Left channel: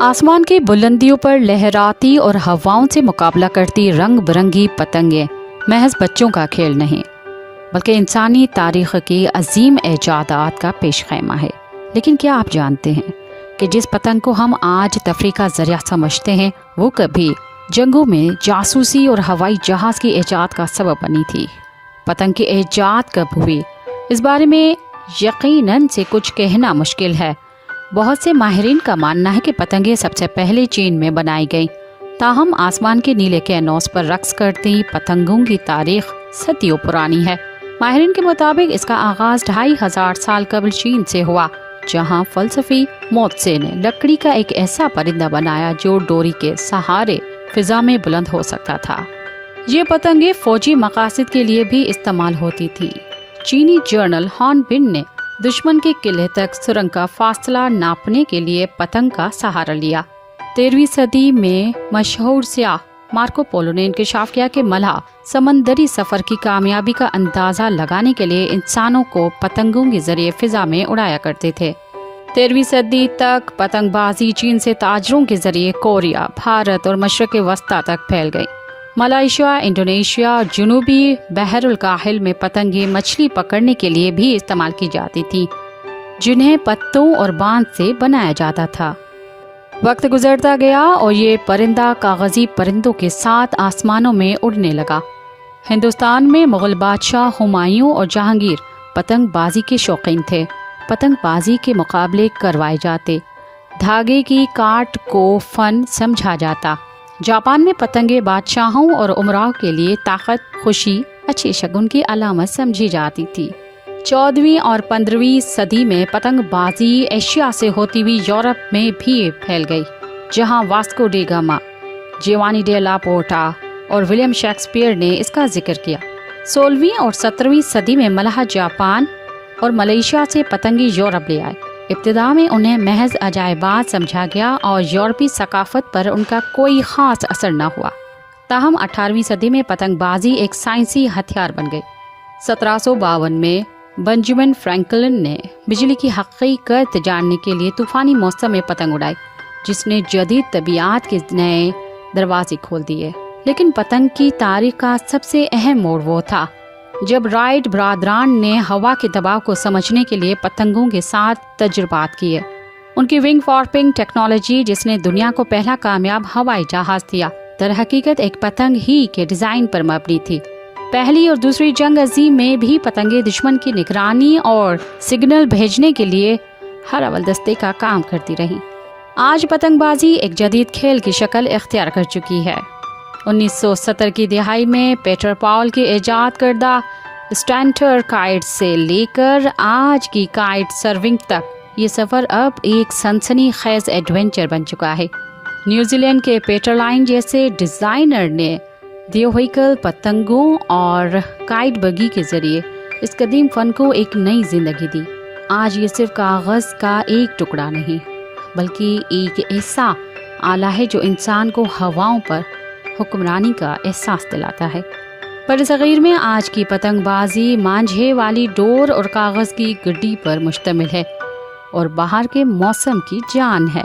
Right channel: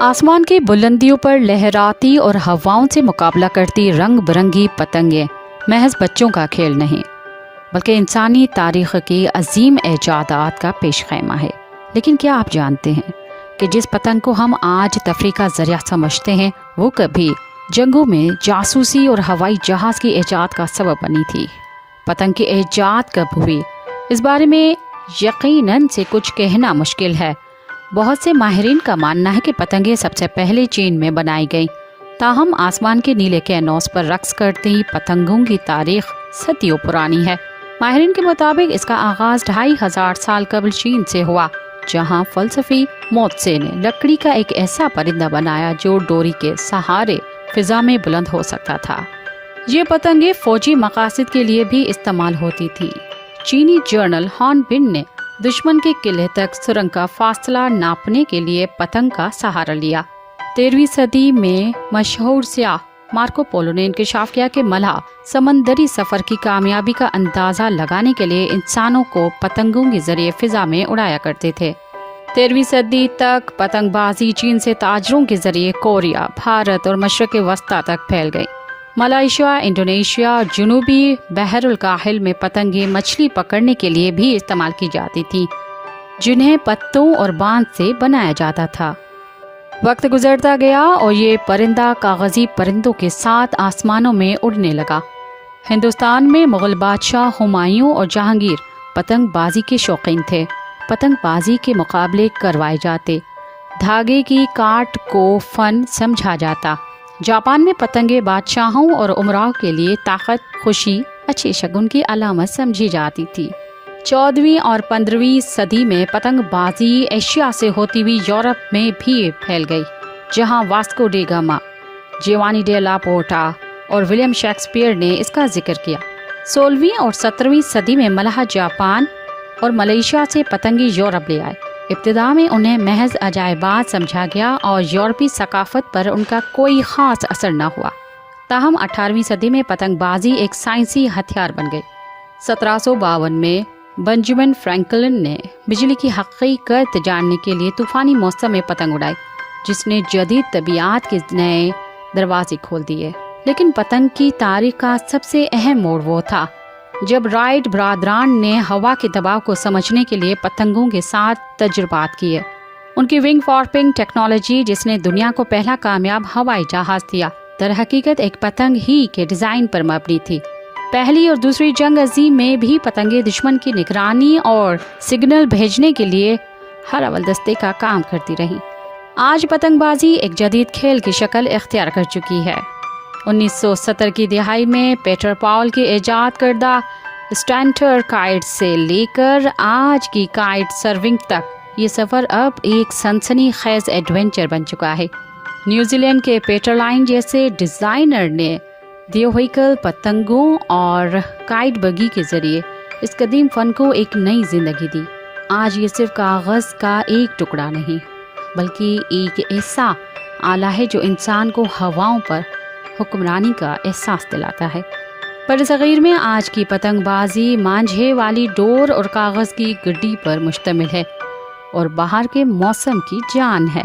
आसमान की बुलंदियों पर लहराती और हवाओं से मुकाबला करती रंग बिरंगी पतंगें महज बच्चों का खेल नहीं, बल्कि इंसानी तारीख की अजीम ऐजादात का पेश खैमा है। लेकिन क्या आप जानते हैं कि जिस पतंग को हम आज तफरीह का जरिया समझते हैं, वो कभी जंगों में जासूसी और हवाई जहाज की ईजाद का सबब बनी थी। पतंग की ईजाद कब हुई, इस बारे में यकीनन से कुछ कहना मुश्किल है। बहुत से माहिरीन का मानना है कि पतंगें सबसे पहले चीन में बनाई गईं। ताहम आसमान के नीले कैनवास पर रक्स करती पतंगों की तारीख सदियों पुरानी है। माहिरीन के मुताबिक इसका आगाज 2500 साल कबल चीन से हुआ, जहां फलसफी मोत्से ने लकड़ी का एक ऐसा परिंदा बनाया जो डोरी के सहारे फिजा में बुलंद हो सकता था। ये पतंगें फौजी मकासद के लिए भी इस्तेमाल होती थी। चीनी जर्नल हॉर्नबिन ने दुश्मन के किले तक सुरंग का फासला नापने के लिए पतंग का सहारा लिया। 13वीं सदी में मशहूर सियाह मार्को पोलो ने इंकशाफ किया कि मल्लाह समंदरी सफर की कामयाबी का अंदाजा लगाने के लिए इंसानों को पतंगों के जरिए फिजा में उड़ाया करते थे। 13वीं सदी तक पतंगबाजी चीन से ताजरों के जरिए कोरिया, भारत और मशरक़ वस्ता तक फैल गई। मलेशिया, इंडोनेशिया, जुनूबी बहरुल काहिल में पतंगें मछली पकड़ने के लिए भी इस्तेमाल की जाती थी, जिन्हें पत्तों और बांध से बनाया जाता था। वक्त गुजरता गया और ये परिंदा कागजी परिंदों के साथ आसमानों में उड़ने लगा। हिंदुस्तान में मुगल बादशाह हुमायूं और जहांगीर पतंगबाजी के शौकीन थे। पतंगबाजी के मुकाबले करवाए जाते, धागे की काट को फन समझा जाता। जापान में पतंगे बादशाहों और उमराव के लिए ताकत, खुशी, अच्छे शगुन की अलामत समझी जाती थी। 14वीं और 15वीं सदी में पतंगबाजी एशिया से होती हुई यूरोप में भी फैल गई, जहां Vasco da Gama, Giovanni de la Porta और विलियम शेक्सपियर ने इसका जिक्र किया। 16वीं और 17वीं सदी में मलाह जापान और मलेशिया से पतंगे यूरोप ले आए। इब्तिदा में उन्हें महज अजायबात समझा गया और यूरोपी सकाफत पर उनका कोई खास असर न हुआ। ताहम 18वीं सदी में पतंगबाजी एक साइंसी हथियार बन गई। 1752 में बेंजामिन फ्रैंकलिन ने बिजली की हकीकत जानने के लिए तूफानी मौसम में पतंग उड़ाई, जिसने जदीद तबीयत के नए दरवाजे खोल दिए। लेकिन पतंग की तारीख का सबसे अहम मोड़ वो था जब राइट ब्रादरान ने हवा के दबाव को समझने के लिए पतंगों के साथ तजुर्बात किए। उनकी विंग वॉर्पिंग टेक्नोलॉजी, जिसने दुनिया को पहला कामयाब हवाई जहाज दिया, दर हकीकत एक पतंग ही के डिजाइन पर मबनी थी। पहली और दूसरी जंग अजीम में भी पतंगे दुश्मन की निगरानी और सिग्नल भेजने के लिए हर अव्वल दस्ते का काम करती रही। आज पतंगबाजी एक जदीद खेल की शक्ल इख्तियार कर चुकी है। 1970 की दिहाई में पीटर पाउल की ईजाद करदा स्टैंटर काइट से लेकर आज की काइट सर्विंग तक ये सफ़र अब एक सनसनीखेज एडवेंचर बन चुका है। न्यूजीलैंड के पीटर लाइन जैसे डिज़ाइनर ने व्हीकल पतंगों और काइट बगी के जरिए इस कदीम फन को एक नई जिंदगी दी। आज ये सिर्फ कागज़ का एक टुकड़ा नहीं, बल्कि एक ऐसा आला है जो इंसान को हवाओं पर हुक्मरानी का एहसास दिलाता है। पर सग़ीर में आज की पतंगबाजी मांझे वाली डोर और कागज़ की गड्डी पर मुश्तमिल है और बाहर के मौसम की जान है।